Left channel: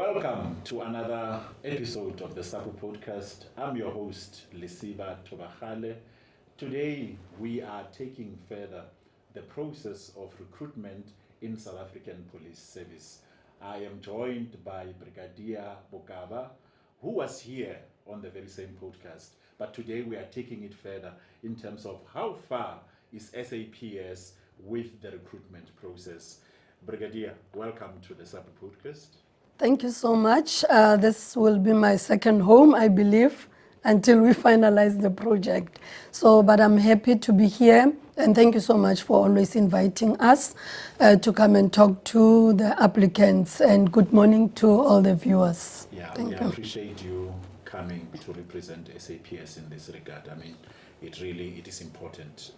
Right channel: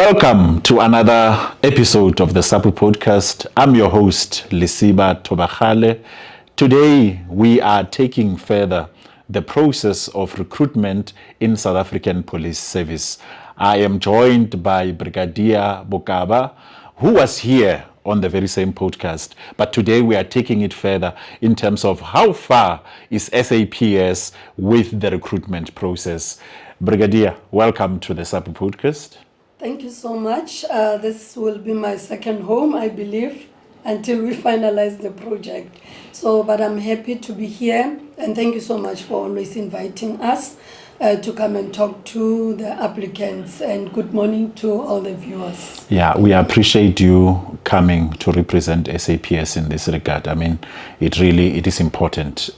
Welcome to another episode of the SAPU podcast. I'm your host, Lisiba Tobachale. Today, we are taking further the process of recruitment in South African Police Service. I am joined by Brigadier Bokaba, who was here on the very same podcast. But today we are taking it further in terms of how far is SAPS with the recruitment process. Brigadier, welcome to the SAPU podcast. Thank you so much. This will be my second home, I believe, until we finalize the project. But I'm happy to be here, and thank you so much for always inviting us to come and talk to the applicants, and good morning to all the viewers. Yeah, we appreciate you coming to represent SAPS in this regard. I mean, it is important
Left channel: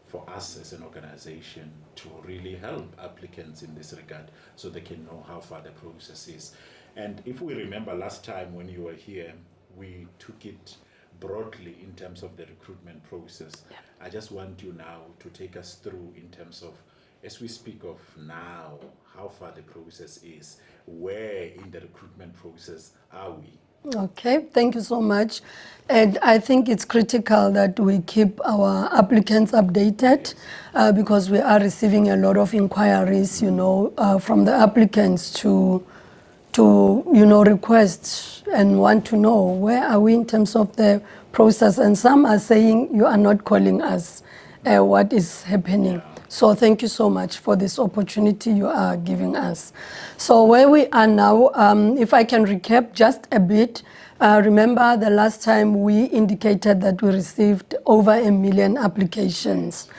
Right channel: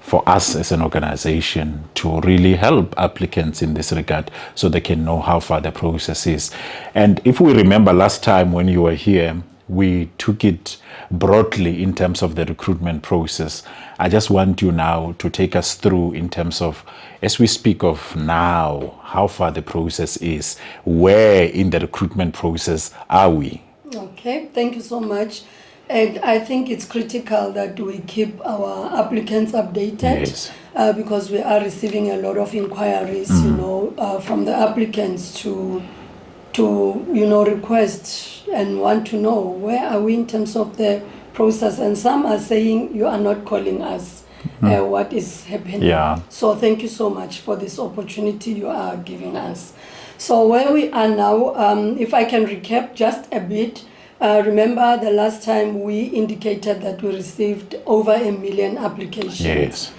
for us as an organization to really help applicants in this regard so they can know how far the process is. And if we remember last time when you were here, we took it broadly in terms of the recruitment process. I just want you now to take us through in terms of, as we speak of now, how far the process is, where in the recruitment process are we? Okay, thank you so much. And I think it's critical that we keep our applicants updated. Yes. Because we are receiving a lot of inquiries, from the applicants to request and want to know where are we in terms of the process. And some are saying you are not calling us. What is happening? Yeah. So thank you so much for this opportunity you are giving us. So where we are now, if I can recap just a bit, remember the last time we indicated that we received over 1 million applications. Yes.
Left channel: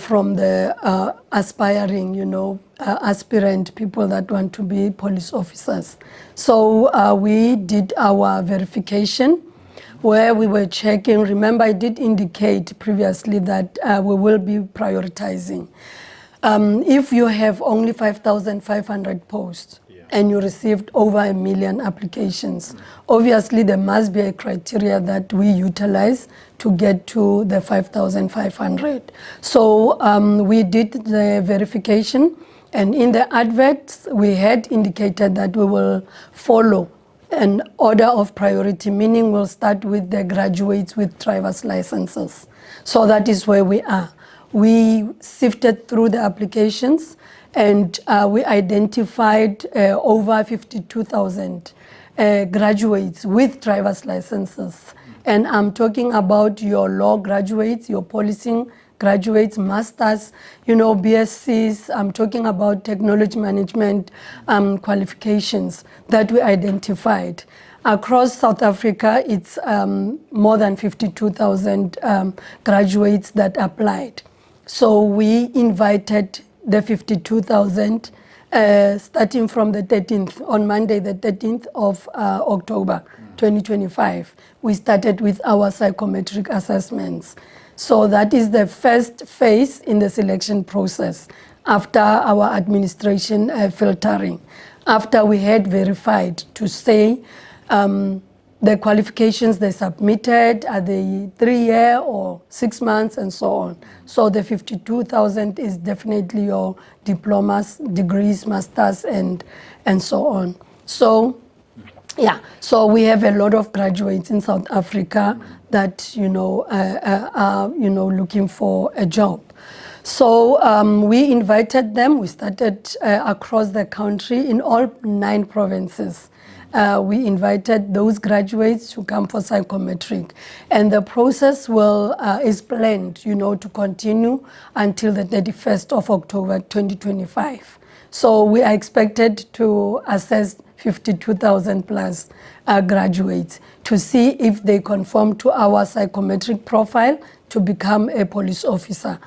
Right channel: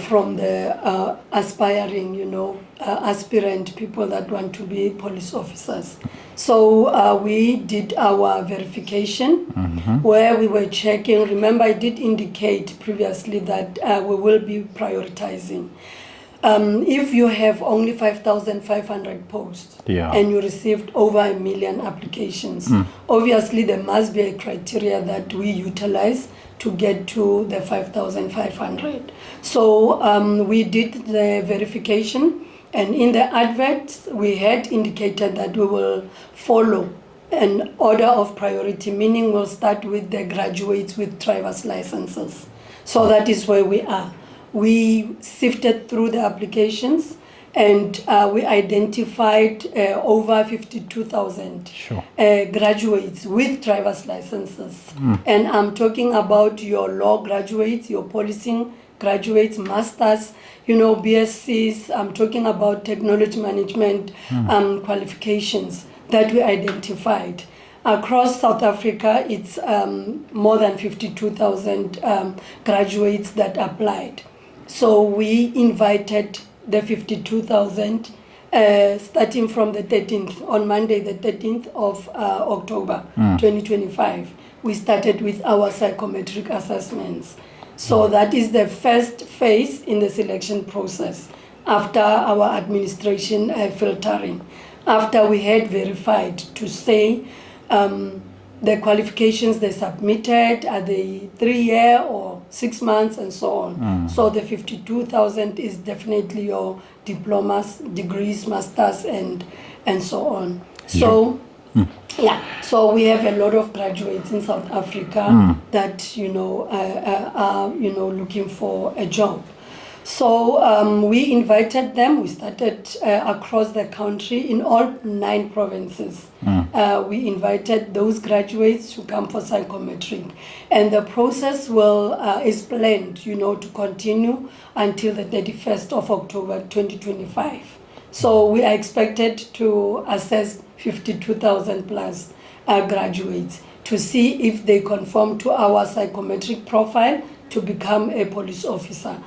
From the aspiring, aspirant people that want to be police officers. So we did our verification where we were checking. Remember, I did indicate previously that we will be prioritizing. If you have only 5,500 posts and you received over 1 million applications, obviously there must be a criteria that we utilize to get to the 5,500. So we did the verification, and in the adverts we had indicated that we will follow an order of priority, meaning we'll start with the graduates with driver's licenses. So that is where we are. We sifted through the applications and we identified over 52,000 graduates with driver's licenses. And I'm talking about your law graduates, your policing graduates, masters, BScs. I'm talking about technology management qualifications that we identified. Across South Africa, it's more than 52,000 graduates that applied. So we invited the 52,000 starting from the 13th, on Monday the 13th of October 2025. We started with our psychometric assessments. So that is the first phase in the selection process after our administration filtering. After we had verified to say the qualifications they submitted, are they 3-year or 6 months and so on. So the 52,000 is definitely your diplomas, degrees, masters and so on. So so we have a lot of graduates in South Africa that are looking for a job. So we invited them. We started across the country in all 9 provinces. We invited those graduates to come for psychometric, and the process is planned, to continue until the 31st of October 2025. So we are expected to assess 52,000 plus graduates to see if they conform to our psychometric profile to become a police officer.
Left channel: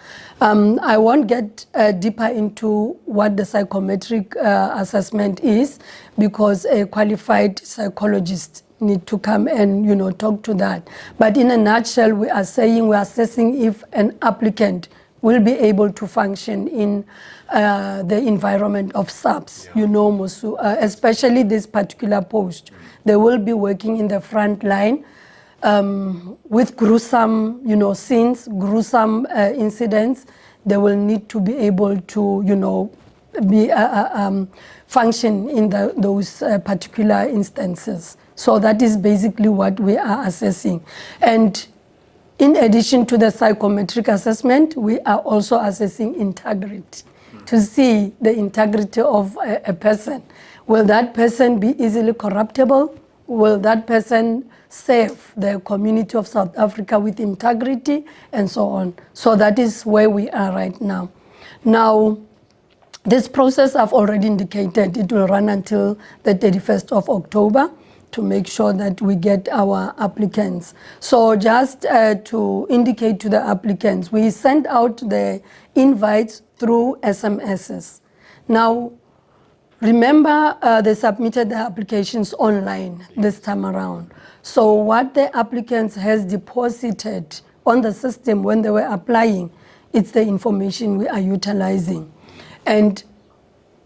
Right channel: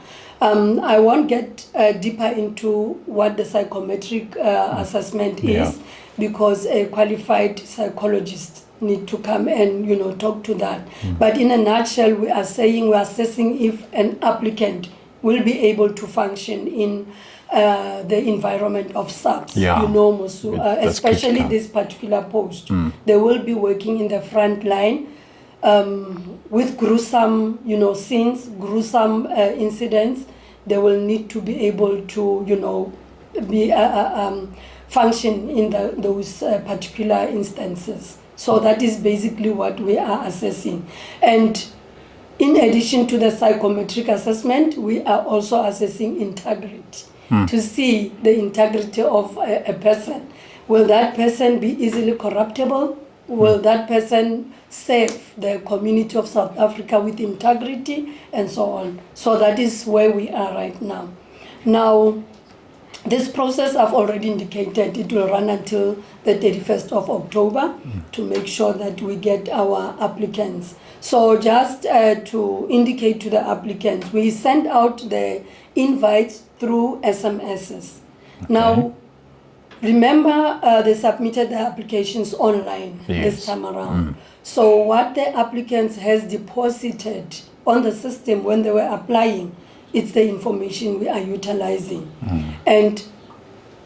I won't get deeper into what the psychometric assessment is, because a qualified psychologist need to come and talk to that. But in a nutshell, we are saying we are assessing if an applicant will be able to function in the environment of SAPS, Mosu, especially this particular post. They will be working in the front line with gruesome, scenes, gruesome incidents. They will need to be able to, be function in those particular instances. So that is basically what we are assessing. And in addition to the psychometric assessment, we are also assessing integrity to see the integrity of a person. Will that person be easily corruptible? Will that person serve the community of South Africa with integrity, and so on? So that is where we are right now. Now, this process I've already indicated, it will run until the 31st of October to make sure that we get our applicants. So just to indicate to the applicants, we send out the invites through SMSs. Okay. Now, remember they submitted the applications online this time around. So what the applicants has deposited on the system when they were applying, it's the information we are utilizing. And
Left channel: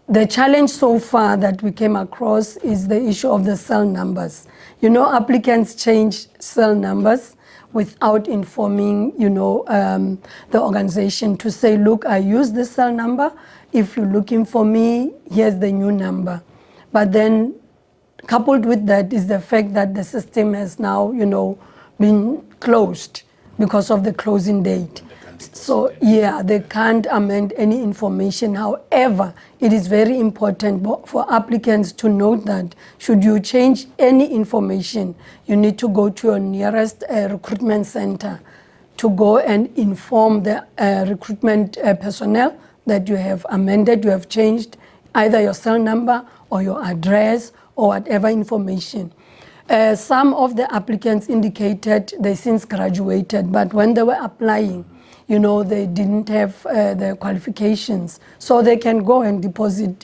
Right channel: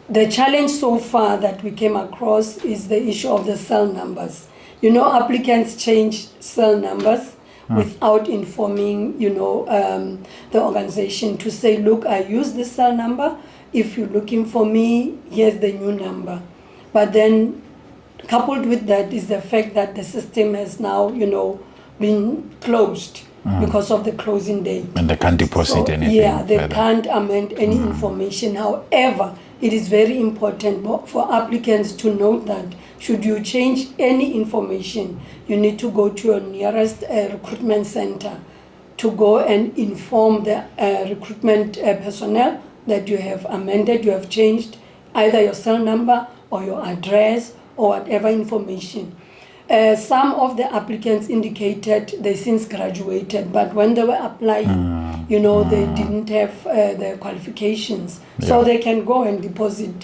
the challenge so far that we came across is the issue of the cell numbers. You know, applicants change cell numbers without informing, the organization to say, look, I use this cell number. If you're looking for me, here's the new number. But then coupled with that is the fact that the system has now, been closed because of the closing date. And they can't deposit anything. Yeah, they can't amend any information. However, it is very important for applicants to note that should you change any information, you need to go to your nearest recruitment center to go and inform the recruitment personnel that you have amended, you have changed either your cell number or your address or whatever information. Some of the applicants indicated they since graduated, but when they were applying, they didn't have the qualifications. So they can go and deposit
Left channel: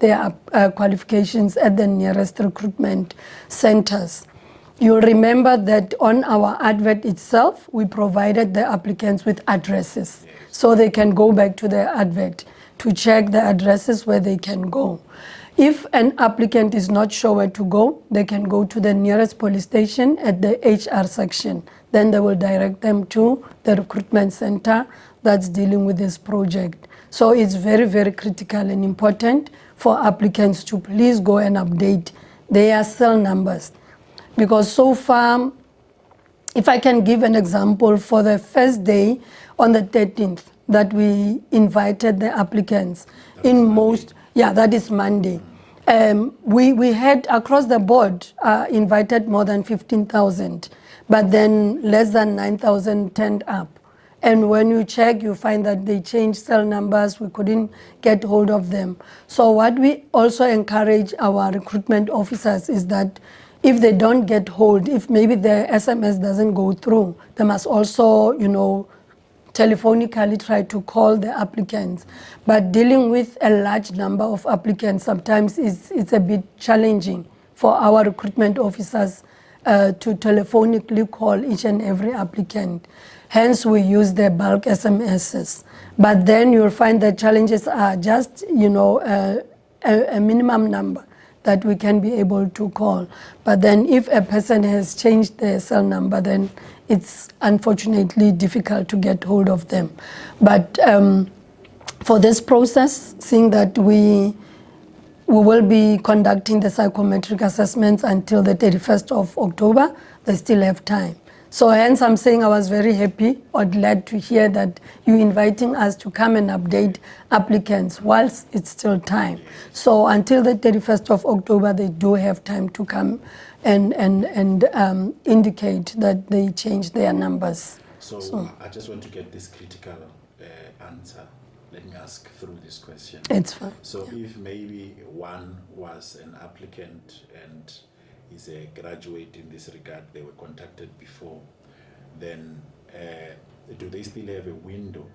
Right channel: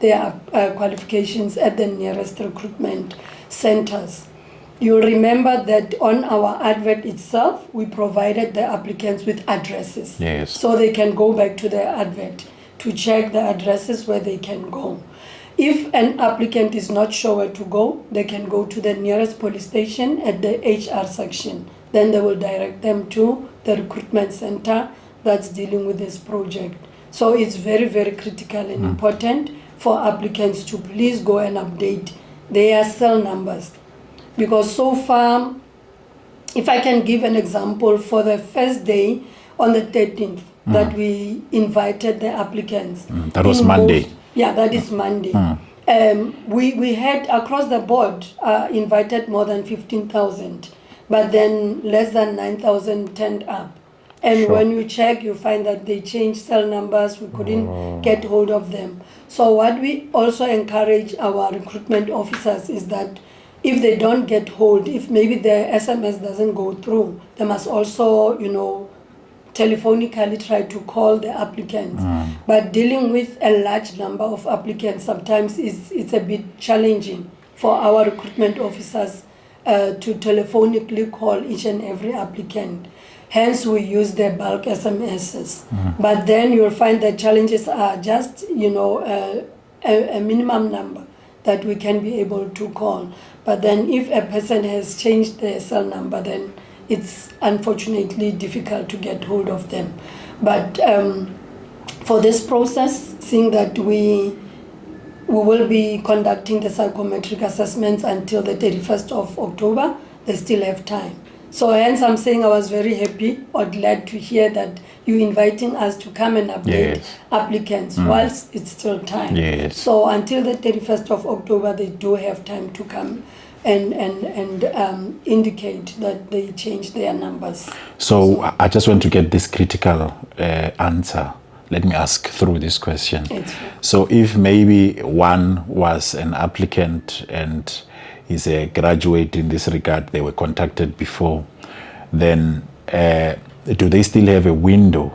their qualifications at the nearest recruitment centers. You'll remember that on our advert itself, we provided the applicants with addresses. Yes. So they can go back to their advert to check the addresses where they can go. If an applicant is not sure where to go, they can go to the nearest police station at the HR section. Then they will direct them to the recruitment center that's dealing with this project. So it's very, very critical and important for applicants to please go and update their cell numbers. Because so far, if I can give an example, for the first day on the 13th that we invited the applicants. That was Monday. Yeah, that is Monday. We had across the board invited more than 15,000, but then less than 9,000 turned up. And when you check, you find that they changed cell numbers, we couldn't get hold of them. So what we also encourage our recruitment officers is that if they don't get hold, if maybe the SMS doesn't go through, they must also, telephonically try to call the applicants. But dealing with a large number of applicants sometimes it's a bit challenging for our recruitment officers to telephonically call each and every applicant. Hence, we use the bulk SMSs. But then you'll find that challenges are just, a minimum number that we can be able to call. But then if a person has changed their cell number, then it's unfortunately difficult to get hold of them. But for this process, seeing that we will be conducting the psychometric assessments until the 31st of October, they still have time. So hence I'm saying I was very happy or glad to hear that you're inviting us to come and update applicants whilst it's still time. Yes. So until the 31st of October, they do have time to come and indicate that they changed their numbers. So I just want to get this critical answer. Let me ask through this question. It's fair. So if maybe one was an applicant and is a graduate in this regard, they were contacted before, then do they still have a window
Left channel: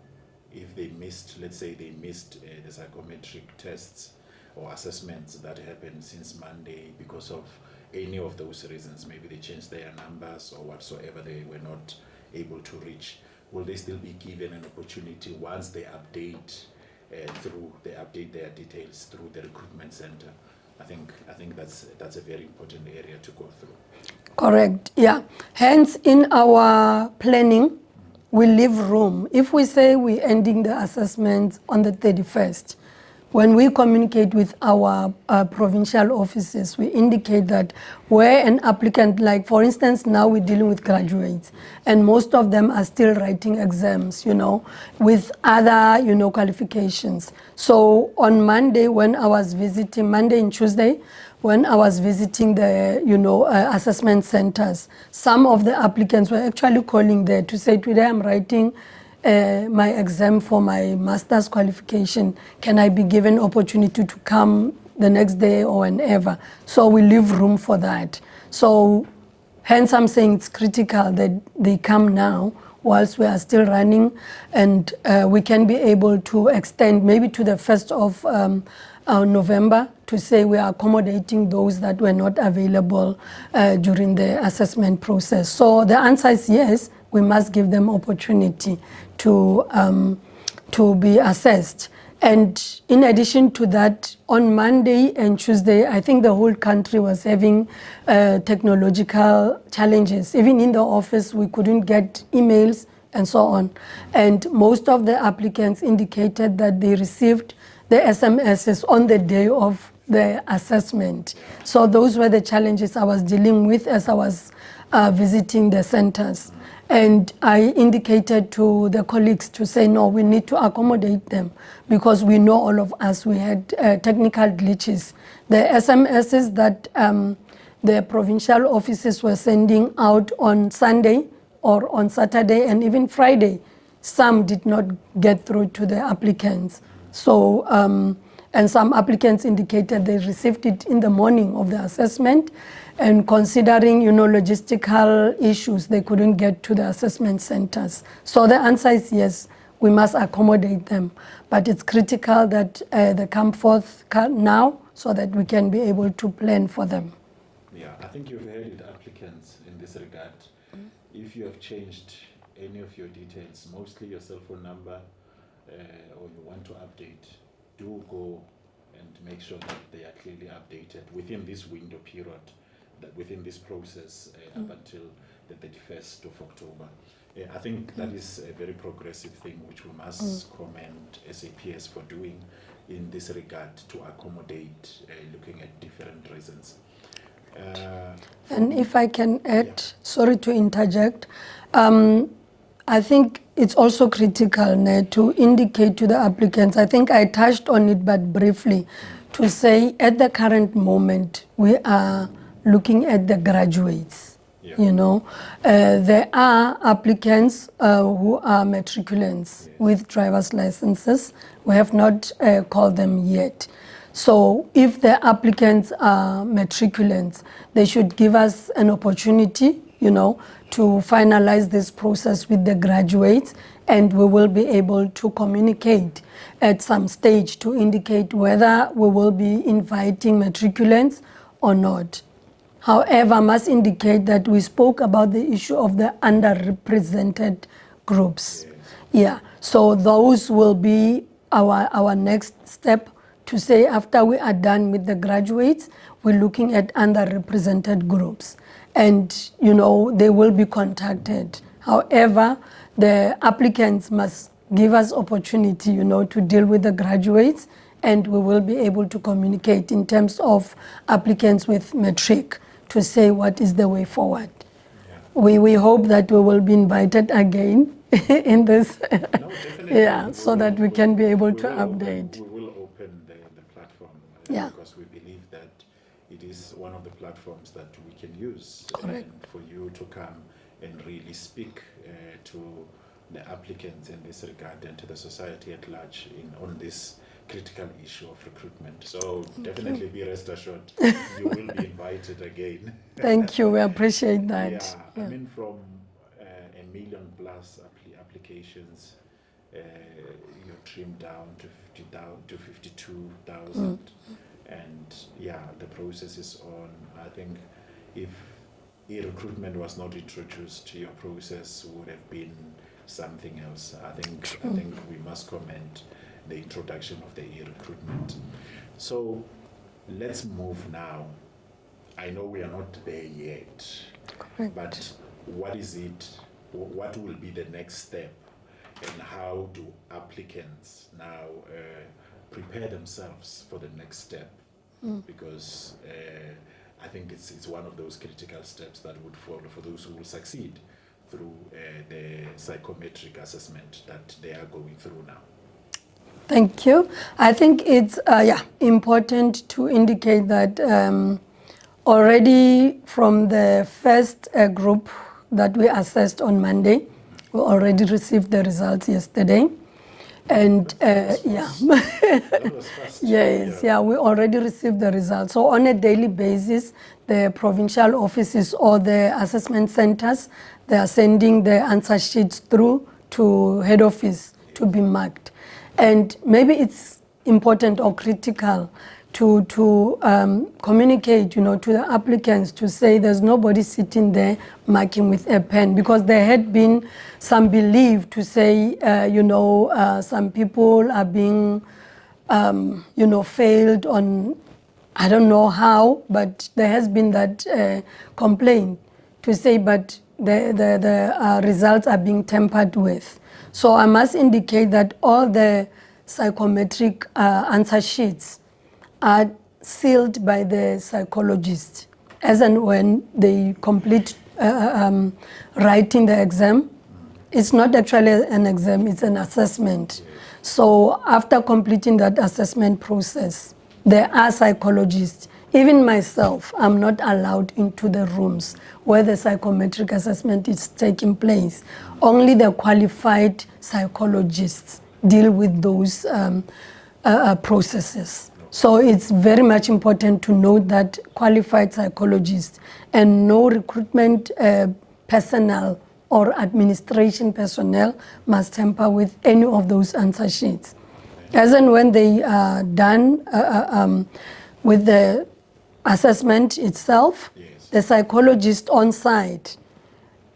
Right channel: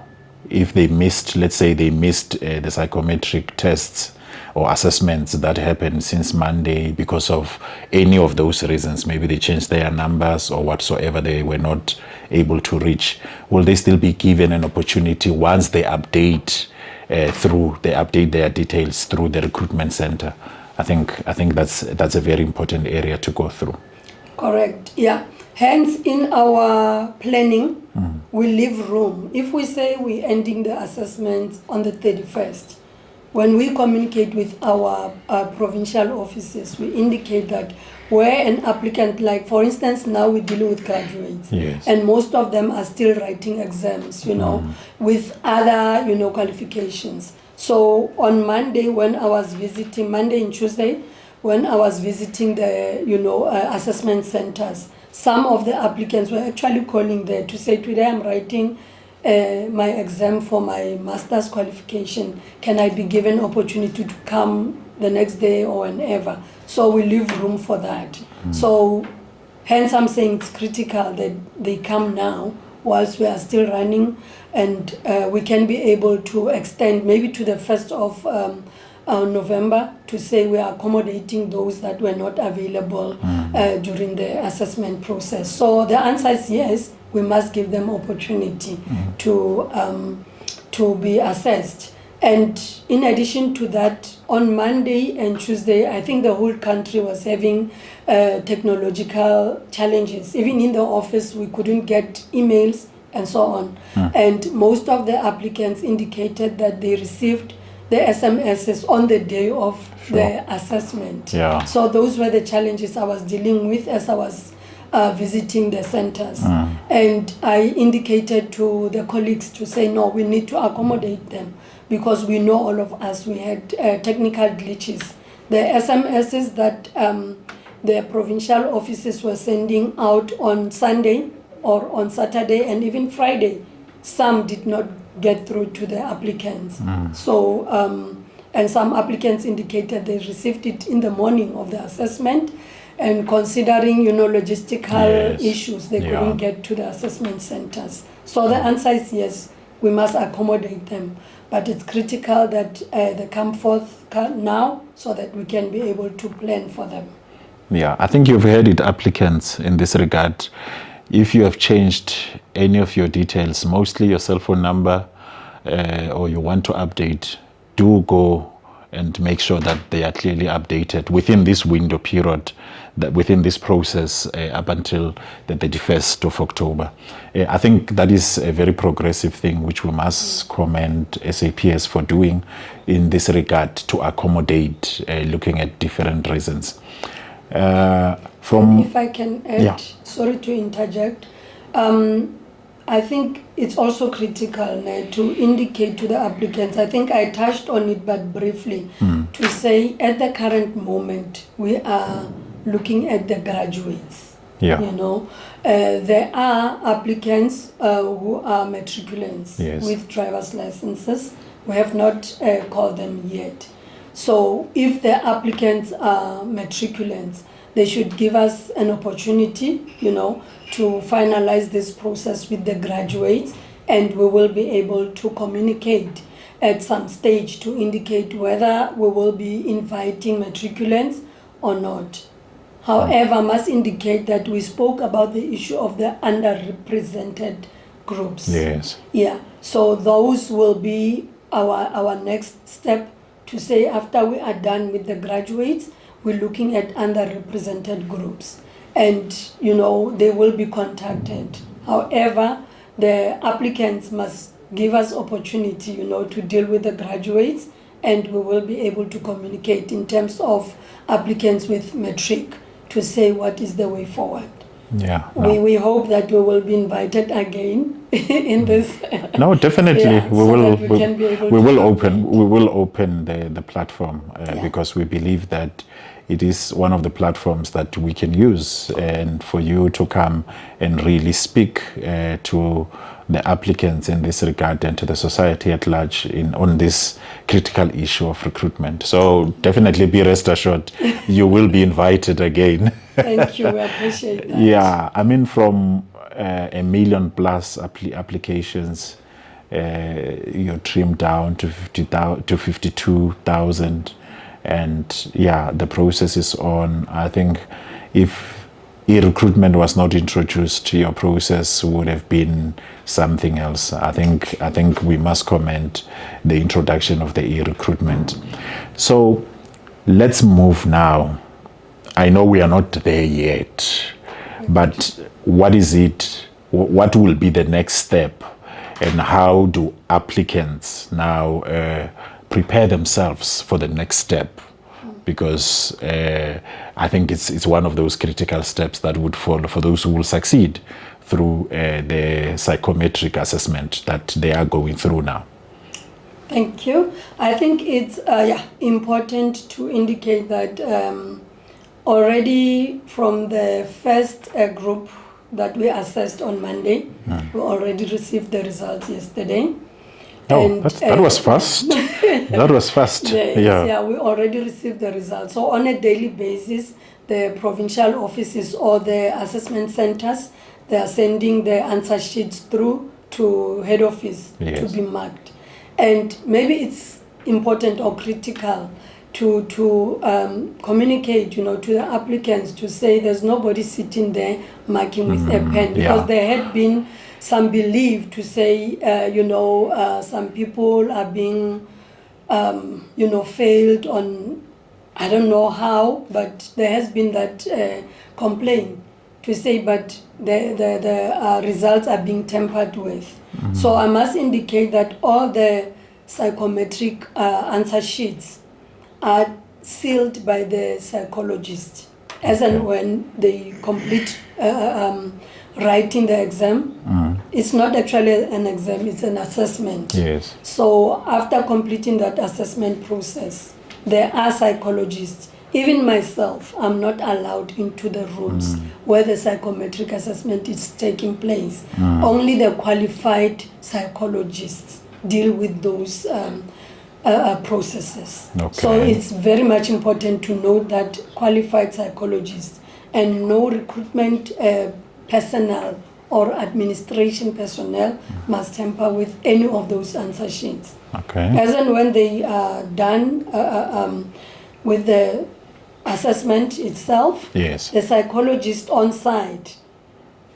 if they missed, let's say they missed the psychometric tests or assessments that happened since Monday because of any of those reasons? Maybe they changed their numbers or whatsoever, they were not able to reach. Will they still be given an opportunity once they update their details through the recruitment center? I think that's a very important area to go through. Correct. Yeah. Hence, in our planning, we leave room. If we say we're ending the assessments on the 31st, when we communicate with our provincial offices, we indicate that where an applicant, like for instance, now we're dealing with graduates, Yes. and most of them are still writing exams, with other, qualifications. So on Monday, when I was visiting, Monday and Tuesday, when I was visiting the, assessment centers, some of the applicants were actually calling there to say, today I'm writing my exam for my master's qualification. Can I be given opportunity to come the next day or whenever? So we leave room for that. So hence I'm saying it's critical that they come now whilst we are still running, and we can be able to extend maybe to the 1st of November to say we are accommodating those that were not available during the assessment process. So the answer is yes, we must give them opportunity to be assessed. And in addition to that, on Monday and Tuesday, I think the whole country was having technological challenges. Even in the office, we couldn't get emails and so on. And most of the applicants indicated that they received the SMSs on the day of the assessment. Yeah. So those were the challenges I was dealing with as I was visiting the centers. And I indicated to the colleagues to say, no, we need to accommodate them, because we know all of us, we had technical glitches. The SMSs that the provincial offices were sending out on Sunday or on Saturday and even Friday, some did not get through to the applicants. So, and some applicants indicated they received it in the morning of the assessment, and considering, logistical issues, they couldn't get to the assessment centers. So the answer is yes, we must accommodate them. But it's critical that they come forth now so that we can be able to plan for them. Yeah, I think you've heard it, applicants, in this regard. If you have changed any of your details, mostly your cell phone number, or you want to update, do go and make sure that they are clearly updated within this window period, that within this process up until the 31st of October. I think that is a very progressive thing which we must commend SAPS for doing in this regard to accommodate looking at different reasons. And if I can add, sorry to interject, I think it's also critical to indicate to the applicants, I think I touched on it but briefly, to say at the current moment we are looking at the graduates. There are applicants who are matriculants with driver's licenses. We have not called them yet. So if the applicants are matriculants, they should give us an opportunity, to finalize this process with the graduates, and we will be able to communicate at some stage to indicate whether we will be inviting matriculants or not. However, I must indicate that we spoke about the issue of the underrepresented groups. Yes. Yeah. So those will be our next step, to say after we are done with the graduates, we're looking at underrepresented groups. And, they will be contacted. However, the applicants must give us opportunity, to deal with the graduates, and we will be able to communicate in terms of applicants with matric to say what is the way forward. Yeah. We hope that we will be invited again in this. No, definitely. We will open the platform because we believe that it is one of the platforms that we can use, and for you to come and really speak to the applicants in this regard and to the society at large on this critical issue of recruitment. So definitely be rest assured, you will be invited again. Thank you, we appreciate that. Yeah, I mean, from 1 million plus applications, you trim down to 52,000. And yeah, the process is on. I think if e-recruitment was not introduced, your process would have been something else. I think we must commend the introduction of the e-recruitment. So let's move now. I know we are not there yet, but what is it? What will be the next step, and how do applicants now prepare themselves for the next step, because I think it's one of those critical steps that would follow for those who will succeed through the psychometric assessment that they are going through now. Thank you. I think it's important to indicate that already from the first group that we assessed on Monday, we already received the results yesterday. And that was fast. That was fast. Yes, yeah, we already received the results. So on a daily basis, the provincial offices or the assessment centers, they are sending the answer sheets through to head office to be marked. And maybe it's important or critical to communicate, to the applicants, to say there's nobody sitting there marking with a pen, because there had been some belief to say, some people are being, failed on, I don't know how, but there has been that complaint to say, but the results are being tampered with. So I must indicate that all the psychometric answer sheets are sealed by the psychologist as and when they complete writing the exam. It's not actually an exam, it's an assessment. Yes. So after completing that assessment process, there are psychologists. Even myself, I'm not allowed into the rooms where the psychometric assessment is taking place. Only the qualified psychologists deal with those processes. So it's very much important to note that qualified psychologists and no recruitment personnel or administration personnel must tamper with any of those answer sheets. As and when they are done with the assessment itself, the psychologist on site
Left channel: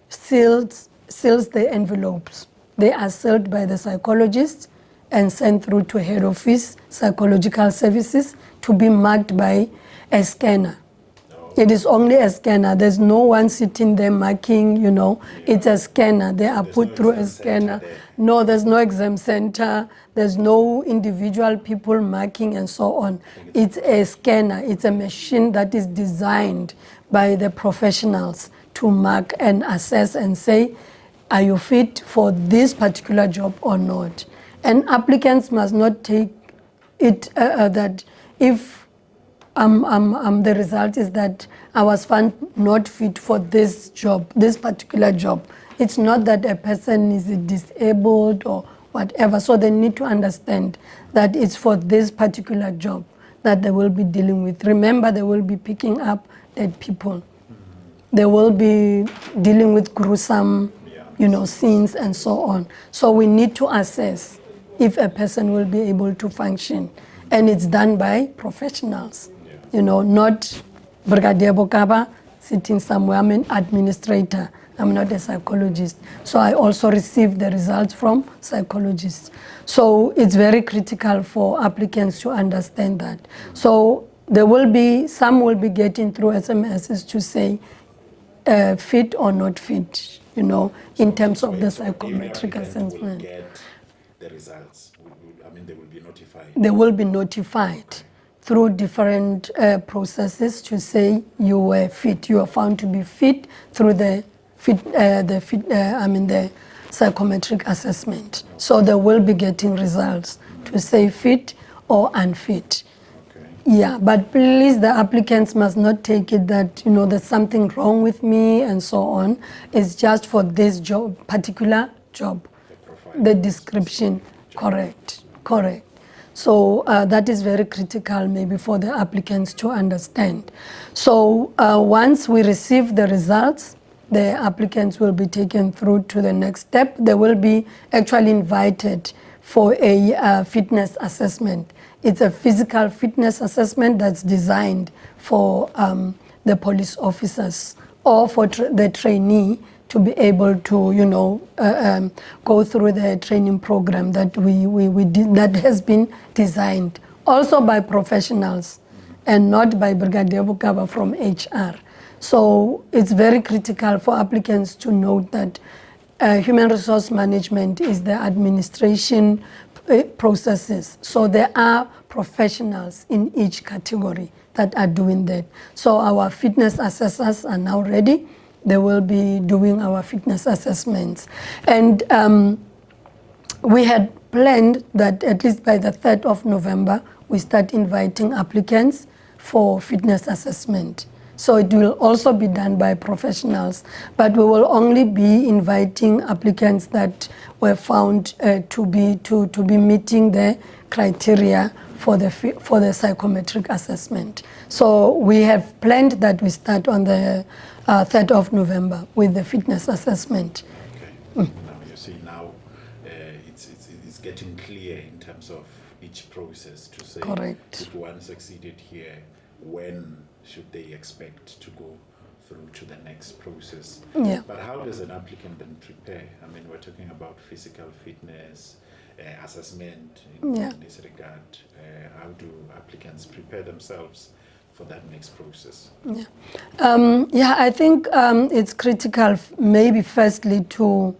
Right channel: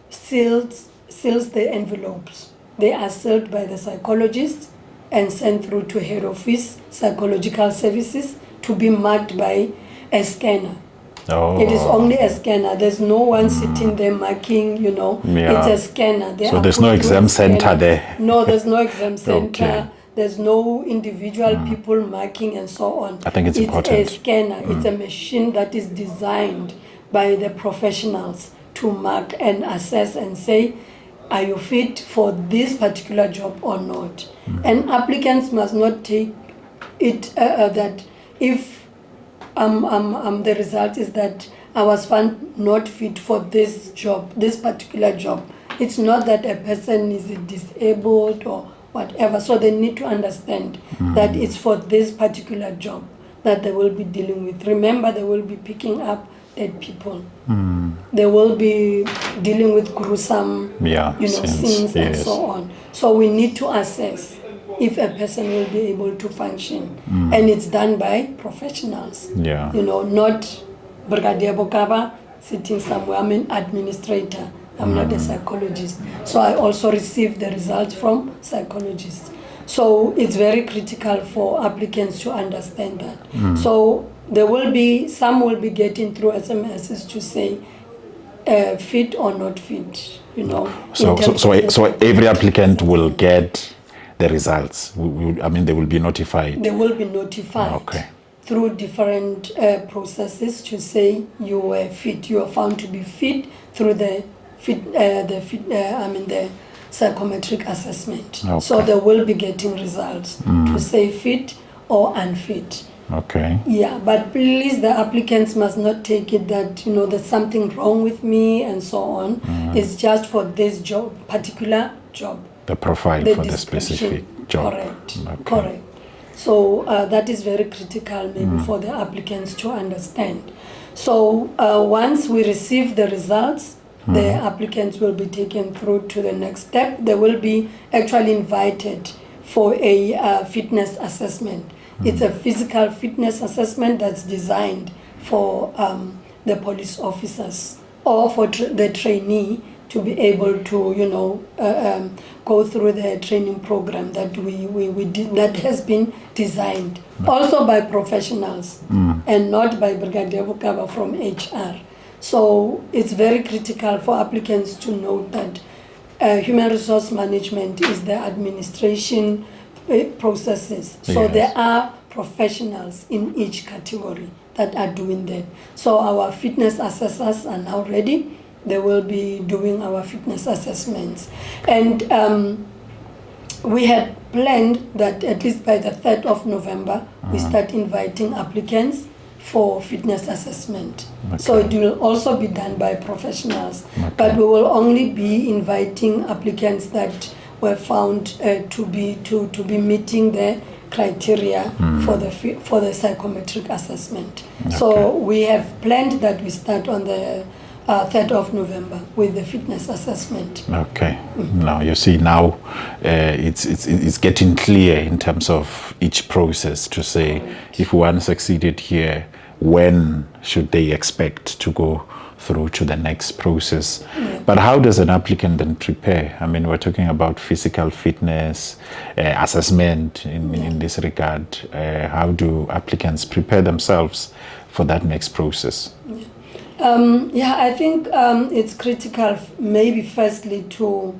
seals the envelopes. They are sealed by the psychologist and sent through to head office, psychological services, to be marked by a scanner. It is only a scanner. There's no one sitting there marking, it's a scanner. So there's no exam center there? No, there's no exam center. There's no individual people marking and so on. I think it's important. It's a scanner. It's a machine that is designed by the professionals to mark and assess and say, are you fit for this particular job or not? And applicants must not take it that if the result is that I was found not fit for this job, this particular job. It's not that a person is disabled or whatever. So they need to understand that it's for this particular job that they will be dealing with. Remember, they will be picking up dead people. They will be dealing with gruesome, scenes and so on. So we need to assess if a person will be able to function. And it's done by professionals. Not Brigadier Bokaba sitting somewhere. I'm an administrator. I'm not a psychologist. So I also receive the results from psychologists. So it's very critical for applicants to understand that. So there will be, some will be getting through SMSs to say fit or not fit, So every applicant will get the results. They will be notified. They will be notified through different processes to say you were fit. You are found to be fit through the psychometric assessment. So they will be getting results to say fit or unfit. Yeah, but please, the applicants must not take it that there's something wrong with me and so on. It's just for this job, particular job. The profile the for description. The specific job. Correct. So that is very critical maybe for the applicants to understand. So once we receive the results, the applicants will be taken through to the next step. They will be actually invited for a fitness assessment. It's a physical fitness assessment that's designed for the police officers or for the trainee to be able to, go through the training program that we did, that has been designed also by professionals and not by Brigadier Bokaba from HR. So it's very critical for applicants to note that human resource management is the administration processes. So Yes. there are professionals in each category that are doing that. So our fitness assessors are now ready. They will be doing our fitness assessments. And we had planned that at least by the 3rd of November, we start inviting applicants for fitness assessment. So it will also be done by professionals, but we will only be inviting applicants that were found to be meeting the criteria for the psychometric assessment. So we have planned that we start on the 3rd of November with the fitness assessment. Okay. Now you see, now it's getting clear in terms of each process to say, Correct. if one succeeded here, when should they expect to go through to the next process? Yeah. But how does an applicant then prepare? I mean, we're talking about physical fitness, assessment in this regard. How do applicants prepare themselves for that next process? I think it's critical, maybe firstly, to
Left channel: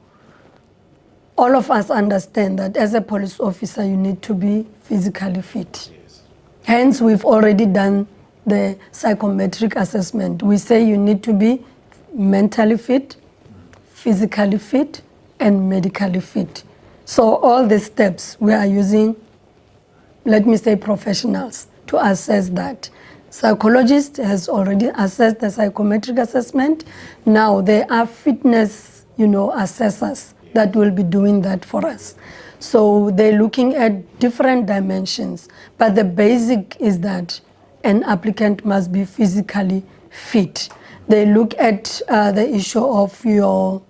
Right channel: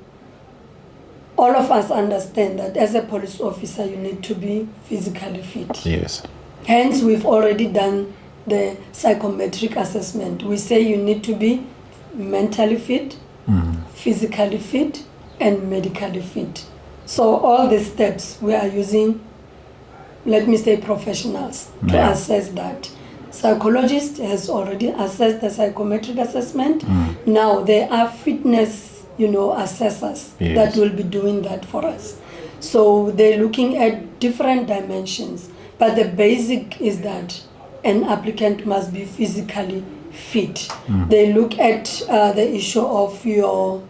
all of us understand that as a police officer, you need to be physically fit. Yes. Hence, we've already done the psychometric assessment. We say you need to be mentally fit, physically fit, and medically fit. So all these steps, we are using, let me say, professionals to assess that. Psychologist has already assessed the psychometric assessment. Now there are fitness, assessors that will be doing that for us. So they're looking at different dimensions, but the basic is that an applicant must be physically fit. They look at the issue of your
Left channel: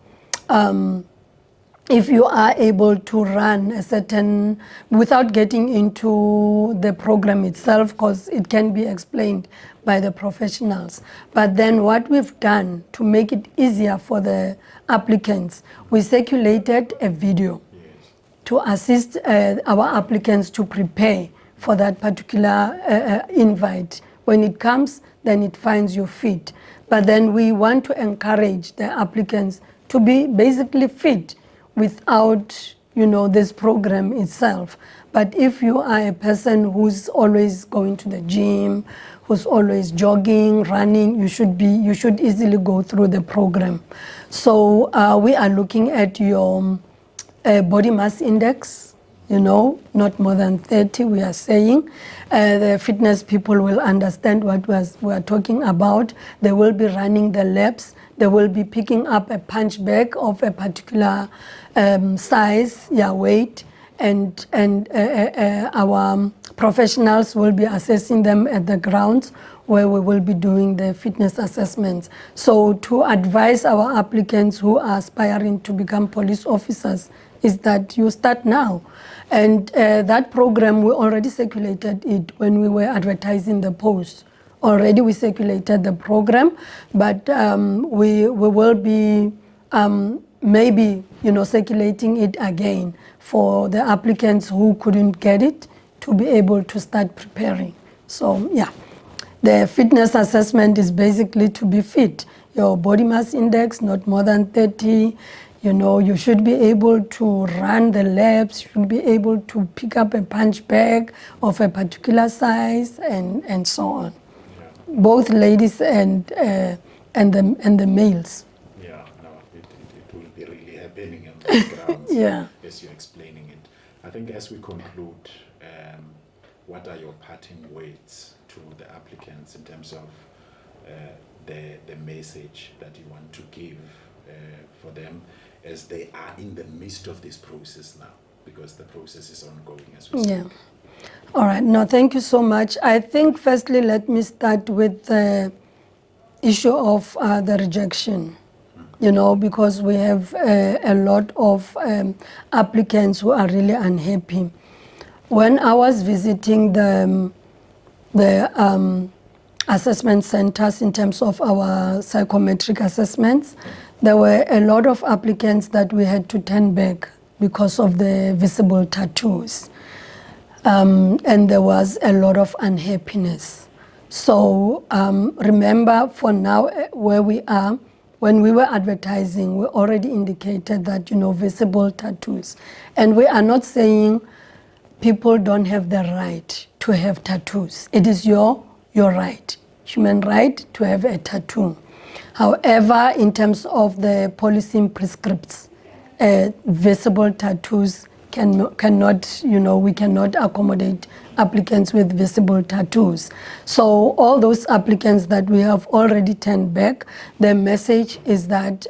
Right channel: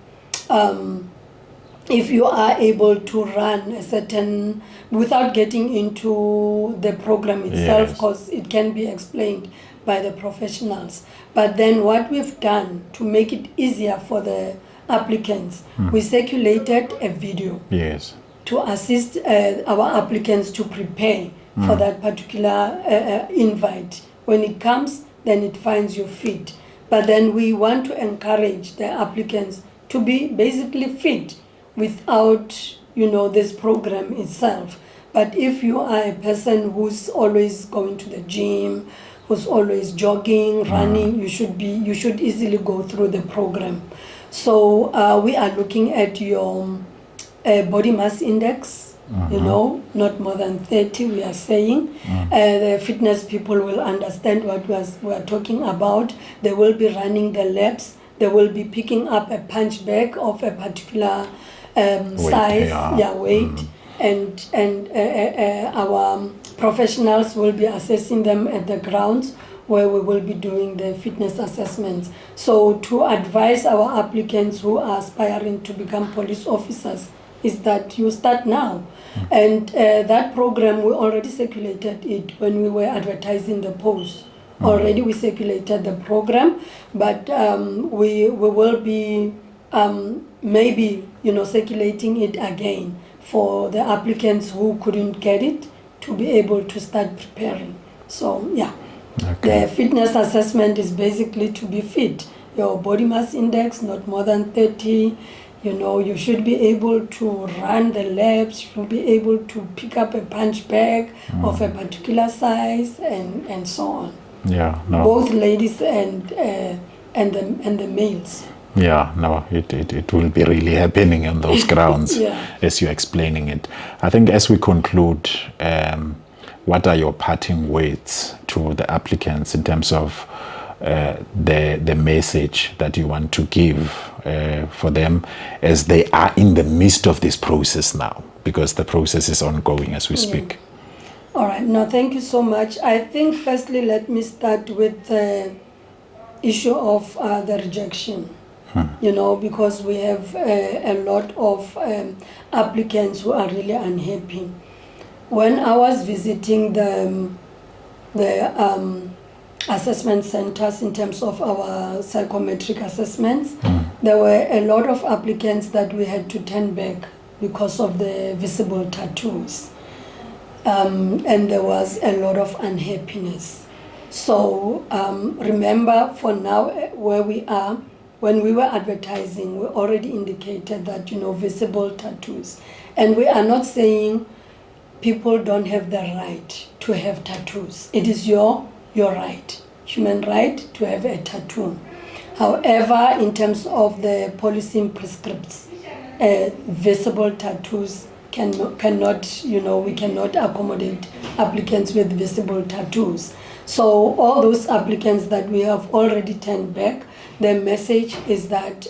if you are able to run a certain, without getting into the program itself, because it can be explained by the professionals. But then what we've done to make it easier for the applicants, we circulated a video to assist our applicants to prepare for that particular invite. When it comes, then it finds you fit. But then we want to encourage the applicants to be basically fit without, this program itself. But if you are a person who's always going to the gym, who's always jogging, running, you should easily go through the program. So we are looking at your body mass index, not more than 30, we are saying. The fitness people will understand what we are talking about. They will be running the laps. They will be picking up a punch bag of a particular size, weight, and our professionals will be assessing them at the grounds where we will be doing the fitness assessments. So to advise our applicants who are aspiring to become police officers is that you start now. And that program, we already circulated it when we were advertising the post. Already we circulated the program, but we will be maybe circulating it again for the applicants who couldn't get it to be able to start preparing. So the fitness assessment is basically to be fit. Your body mass index not more than 30. You should be able to run the laps. You should be able to pick up a punch bag of a particular size, and so on. Both ladies and the males. It will be really happening on those grounds as you're explaining it. I think as we conclude, what are your parting words to the applicants in terms of the message that you want to give for them as they are in the midst of this process now, because the process is ongoing as we speak? All right. No, thank you so much. I think firstly, let me start with the issue of the rejection. Because we have a lot of applicants who are really unhappy. When I was visiting the assessment centers in terms of our psychometric assessments, there were a lot of applicants that we had to turn back because of the visible tattoos. And there was a lot of unhappiness. So remember, for now, where we are, when we were advertising, we already indicated that, visible tattoos. And we are not saying people don't have the right to have tattoos. It is your right, human right to have a tattoo. However, in terms of the policy prescripts, visible tattoos cannot, we cannot accommodate applicants with visible tattoos. So all those applicants that we have already turned back, the message is that,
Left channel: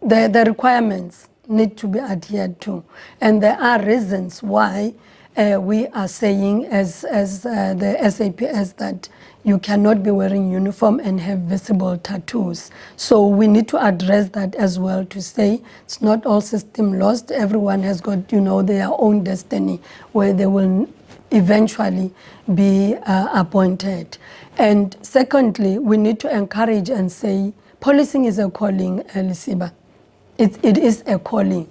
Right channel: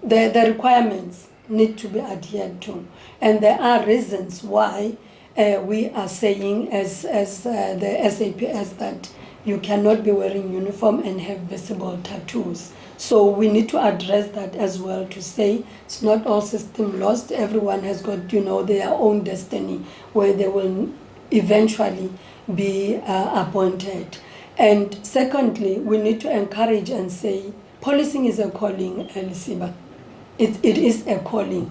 the requirements need to be adhered to. And there are reasons why we are saying as the SAPS that you cannot be wearing uniform and have visible tattoos. So we need to address that as well, to say it's not all system lost. Everyone has got, their own destiny where they will eventually be appointed. And secondly, we need to encourage and say policing is a calling, Lisiba. It is a calling.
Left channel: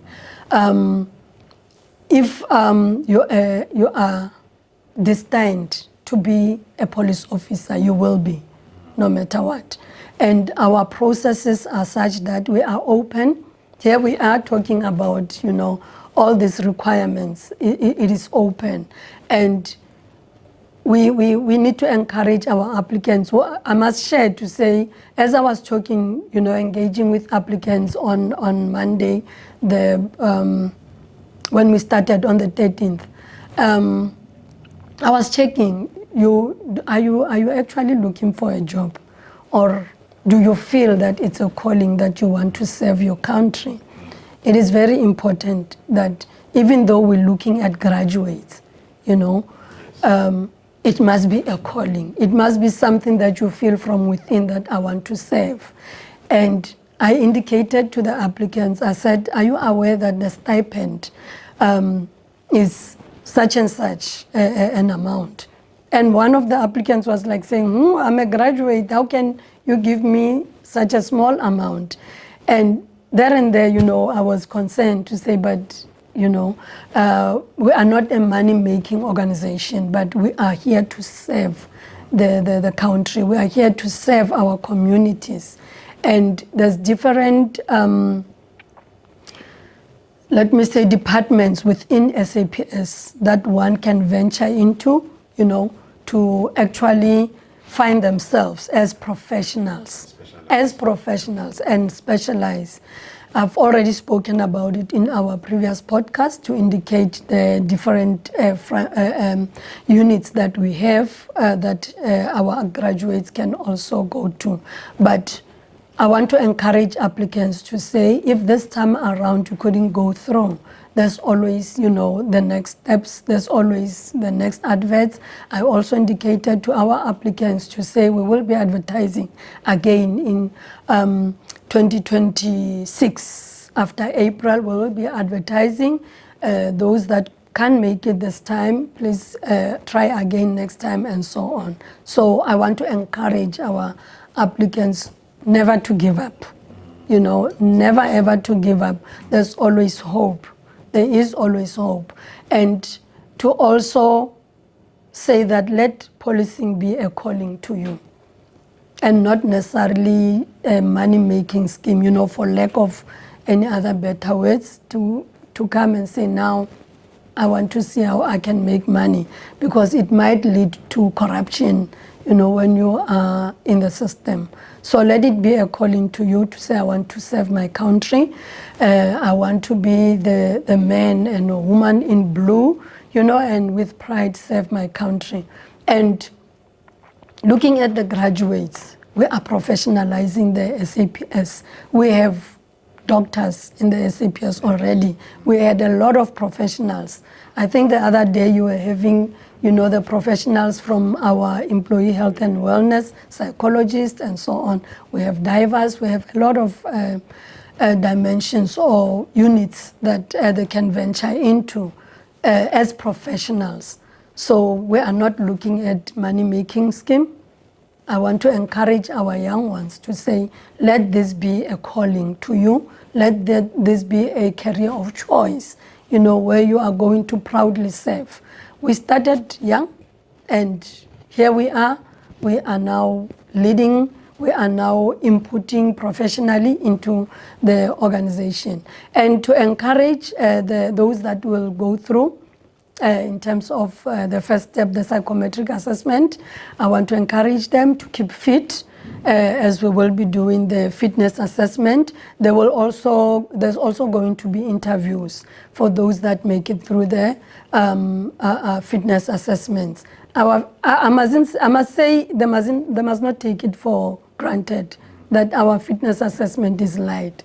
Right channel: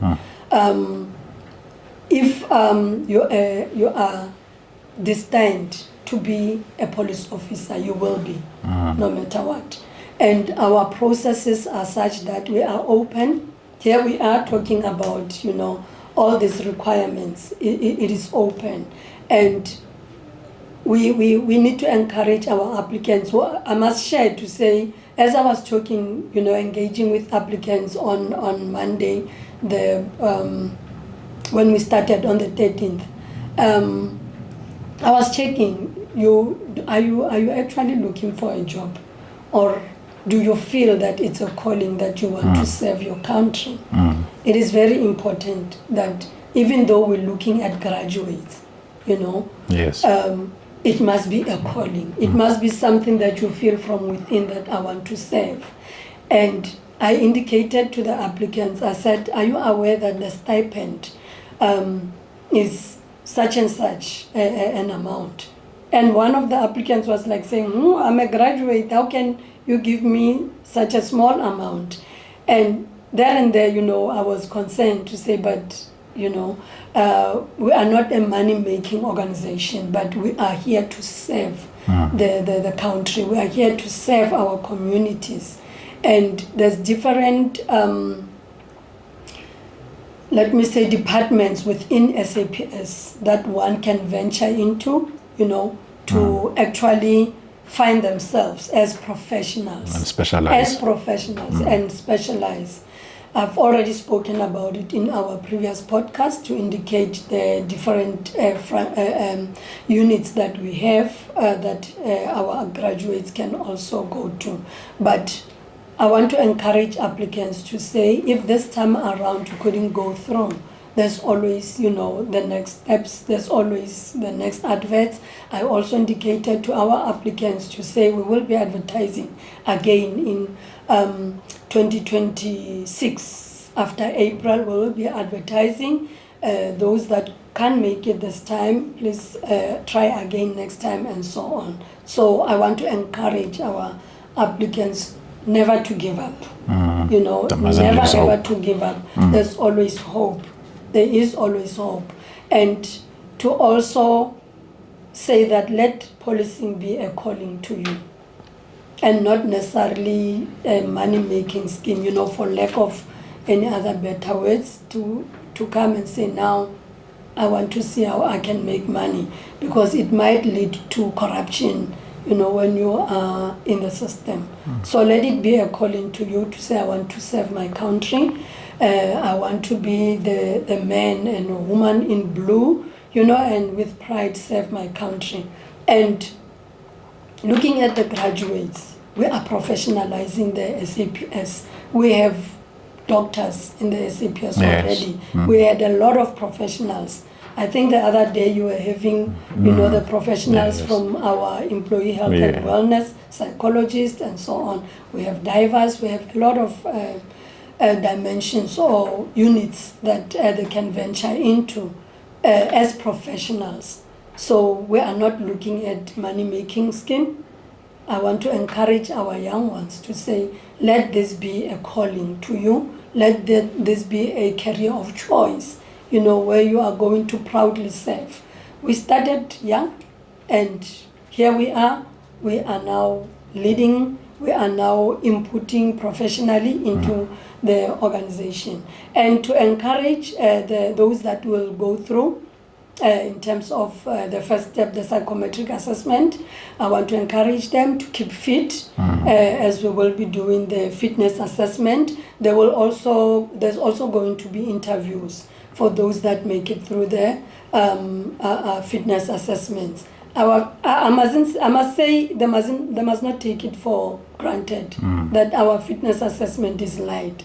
If you are destined to be a police officer, you will be, no matter what. And our processes are such that we are open. Here we are talking about, all these requirements. It is open. And we need to encourage our applicants. Well, I must share to say, as I was talking, engaging with applicants on Monday, when we started on the 13th, I was checking, are you actually looking for a job? Or do you feel that it's a calling that you want to serve your country? It is very important that even though we're looking at graduates, Yes. It must be a calling. It must be something that you feel from within that I want to serve. And I indicated to the applicants, I said, are you aware that the stipend is such and such an amount? And one of the applicants was like saying, I'm a graduate, how can you give me such a small amount? And there, I was concerned to say, but, we are not a money-making organization, but we are here to serve the country. We are here to serve our communities. And there's different, departments within SAPS that one can venture into, to actually find themselemselves as professionals. And specialize. As professionals and specialize. I've already spoken about it in our previous podcast to indicate the different units that we have that our graduates can also go to. But I want to encourage applicants to say, if this time around you couldn't go through, there's always, the next steps, there's always the next adverts. I also indicated to our applicants to say we will be advertising again in 2026. After April, we will be advertising. Those that can't make it this time, please try again next time, and so on. So I want to encourage our applicants never to give up. Never ever to give up. There's always hope. There is always hope. And to also say that let policing be a calling to you and not necessarily a money-making scheme, for lack of any other better words, to come and say, now I want to see how I can make money, because it might lead to corruption, when you are in the system. So let it be a calling to you to say, I want to serve my country. I want to be the man and a woman in blue, and with pride serve my country. And looking at the graduates, we are professionalizing the SAPS. We have doctors in the SAPS already. We had a lot of professionals. I think the other day you were having, the professionals from our employee health and wellness, psychologists and so on. We have divers, we have a lot of dimensions or units that they can venture into as professionals. So we are not looking at money-making scheme. I want to encourage our young ones to say, let this be a calling to you. Let this be a career of choice, where you are going to proudly serve. We started young, and here we are. We are now leading we are now inputting professionally into the organization. And to encourage those that will go through in terms of the first step, the psychometric assessment, I want to encourage them to keep fit as we will be doing the fitness assessment. There's also going to be interviews for those that make it through the fitness assessments. I must say they must not take it for granted that our fitness assessment is light.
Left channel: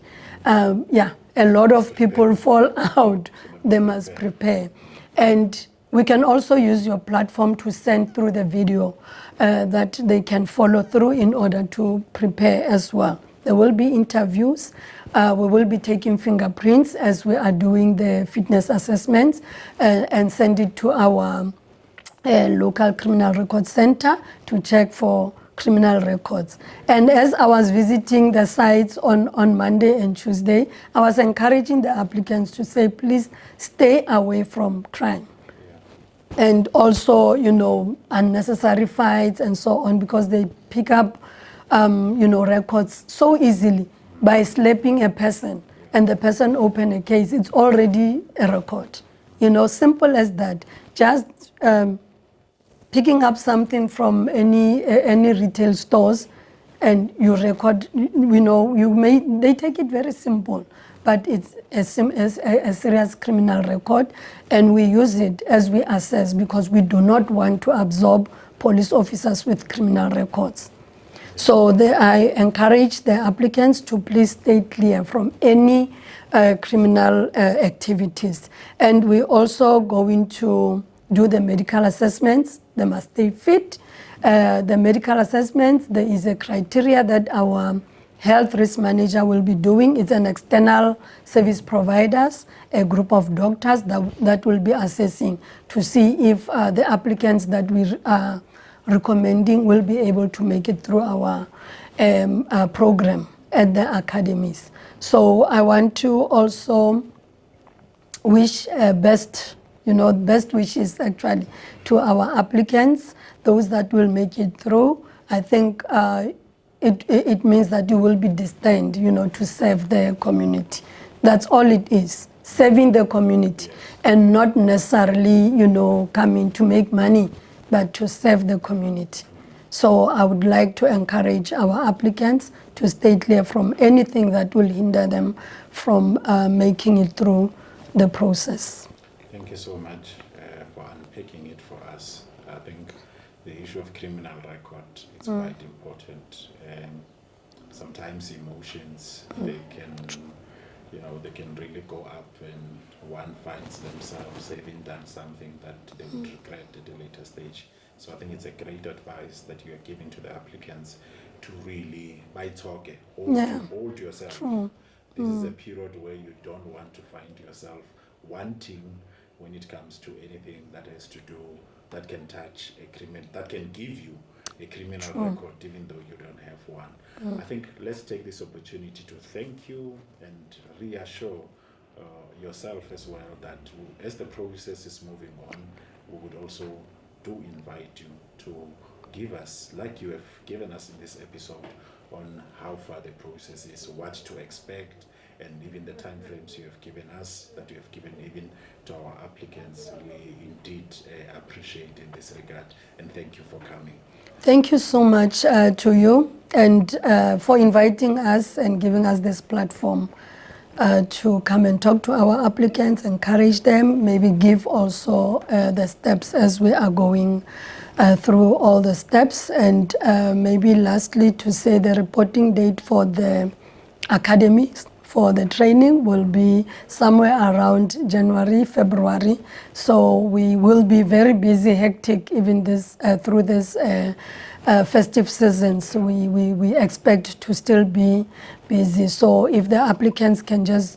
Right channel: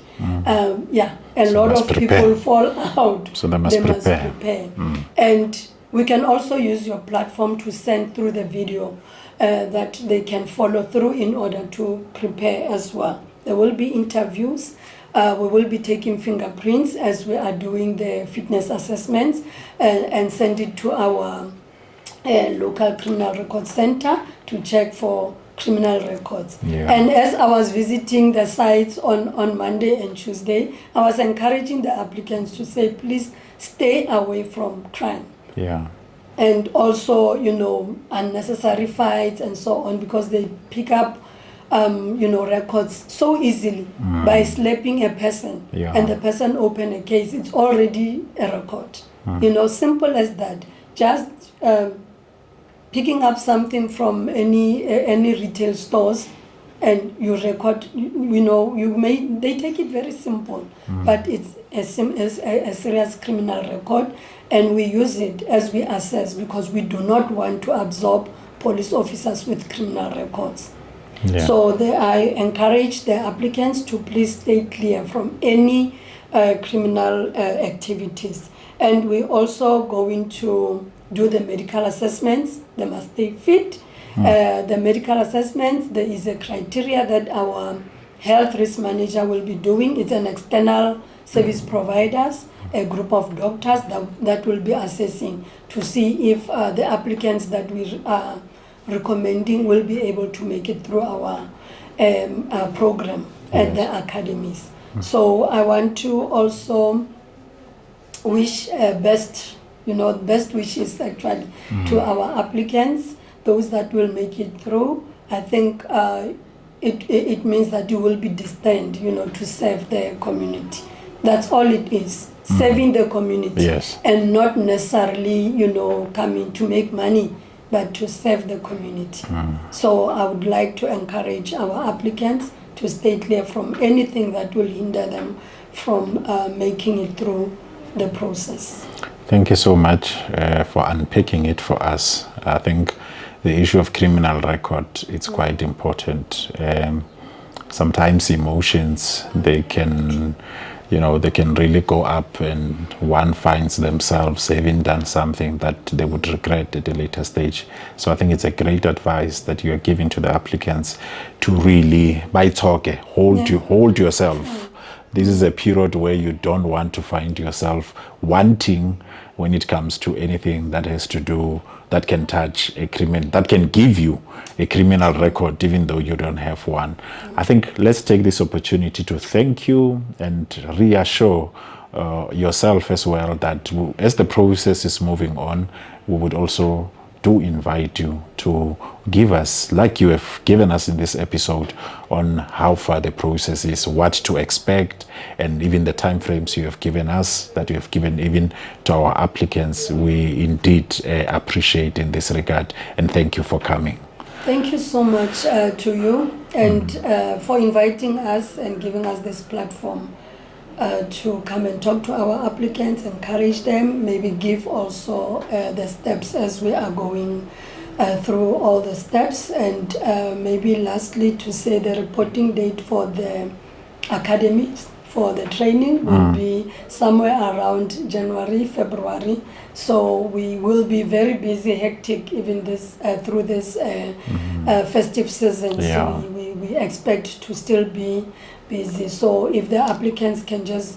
A lot of people fall out. So they must prepare. And we can also use your platform to send through the video that they can follow through in order to prepare as well. There will be interviews. We will be taking fingerprints as we are doing the fitness assessments and send it to our local criminal record center to check for criminal records. And as I was visiting the sites on Monday and Tuesday, I was encouraging the applicants to say, please stay away from crime. And also, unnecessary fights and so on, because they pick up records so easily by slapping a person and the person open a case. It's already a record. Simple as that. Just picking up something from any retail stores and you record, they take it very simple, but it's a serious criminal record, and we use it as we assess because we do not want to absorb police officers with criminal records. So I encourage the applicants to please stay clear from any criminal activities. And we're also going to do the medical assessments. They must stay fit. The medical assessments, there is a criteria that our health risk manager will be doing. It's an external service providers, a group of doctors that will be assessing to see if the applicants that we are recommending will be able to make it through our program at the academies. So I want to also wish best wishes actually to our applicants, those that will make it through. I think it means that you will be destined, to serve the community. That's all it is, serving the community, and not necessarily, coming to make money, but to serve the community. So I would like to encourage our applicants to stay clear from anything that will hinder them from making it through the process. Thank you so much for unpacking it for us. I think the issue of criminal record, it's quite important. Sometimes emotions, they can really go up, and one finds themselves having done something that they would regret at a later stage. So I think it's a great advice that you are giving to the applicants to really, by talking, hold yourself. This is a period where you don't want to find yourself wanting when it comes to anything that has to do, that can touch a criminal, that can give you a criminal record, even though you don't have one. I think let's take this opportunity to thank you and reassure yourself as well that as the process is moving on, we would also do invite you to give us, like you have given us in this episode, on how far the process is, what to expect, and even the time frames you have given us, that you have given even to our applicants. We indeed appreciate in this regard, and thank you for coming. Thank you so much to you and for inviting us and giving us this platform to come and talk to our applicants, encourage them, maybe give also the steps as we are going through all the steps, and maybe lastly to say the reporting date for the academies for the training will be somewhere around January, February. So we will be very busy, hectic, even this through this festive season. So we expect to still be busy. So if the applicants can just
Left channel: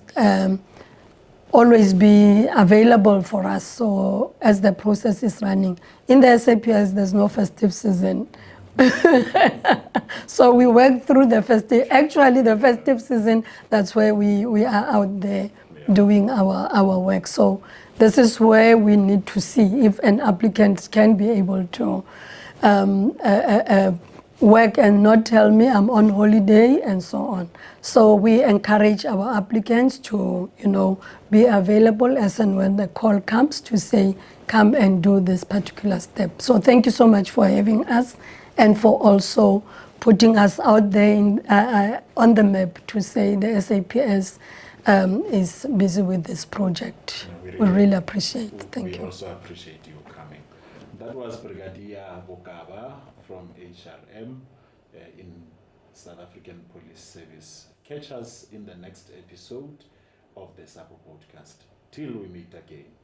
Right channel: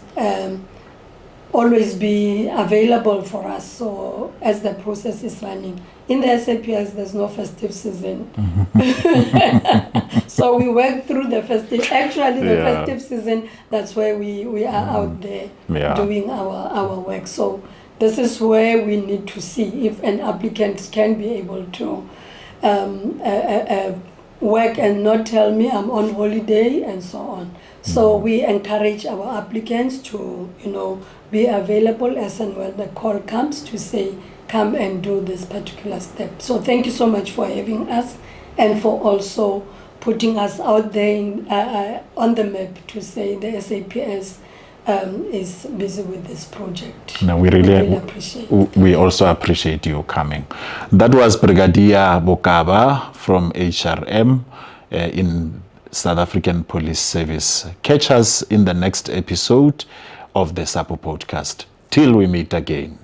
always be available for us, so as the process is running. In the SAPS, there's no festive season. So we work through the festive, actually the festive season, that's where we are out there doing our work. So this is where we need to see if an applicant can be able to work and not tell me I'm on holiday and so on. So we encourage our applicants to, be available as and when the call comes to say, come and do this particular step. So thank you so much for having us and for also putting us out there on the map to say the SAPS is busy with this project. No, we really appreciate it. We also appreciate you coming. That was Brigadier Bokaba from HRM in South African Police Service. Catch us in the next episode of the SAPU podcast. Till we meet again.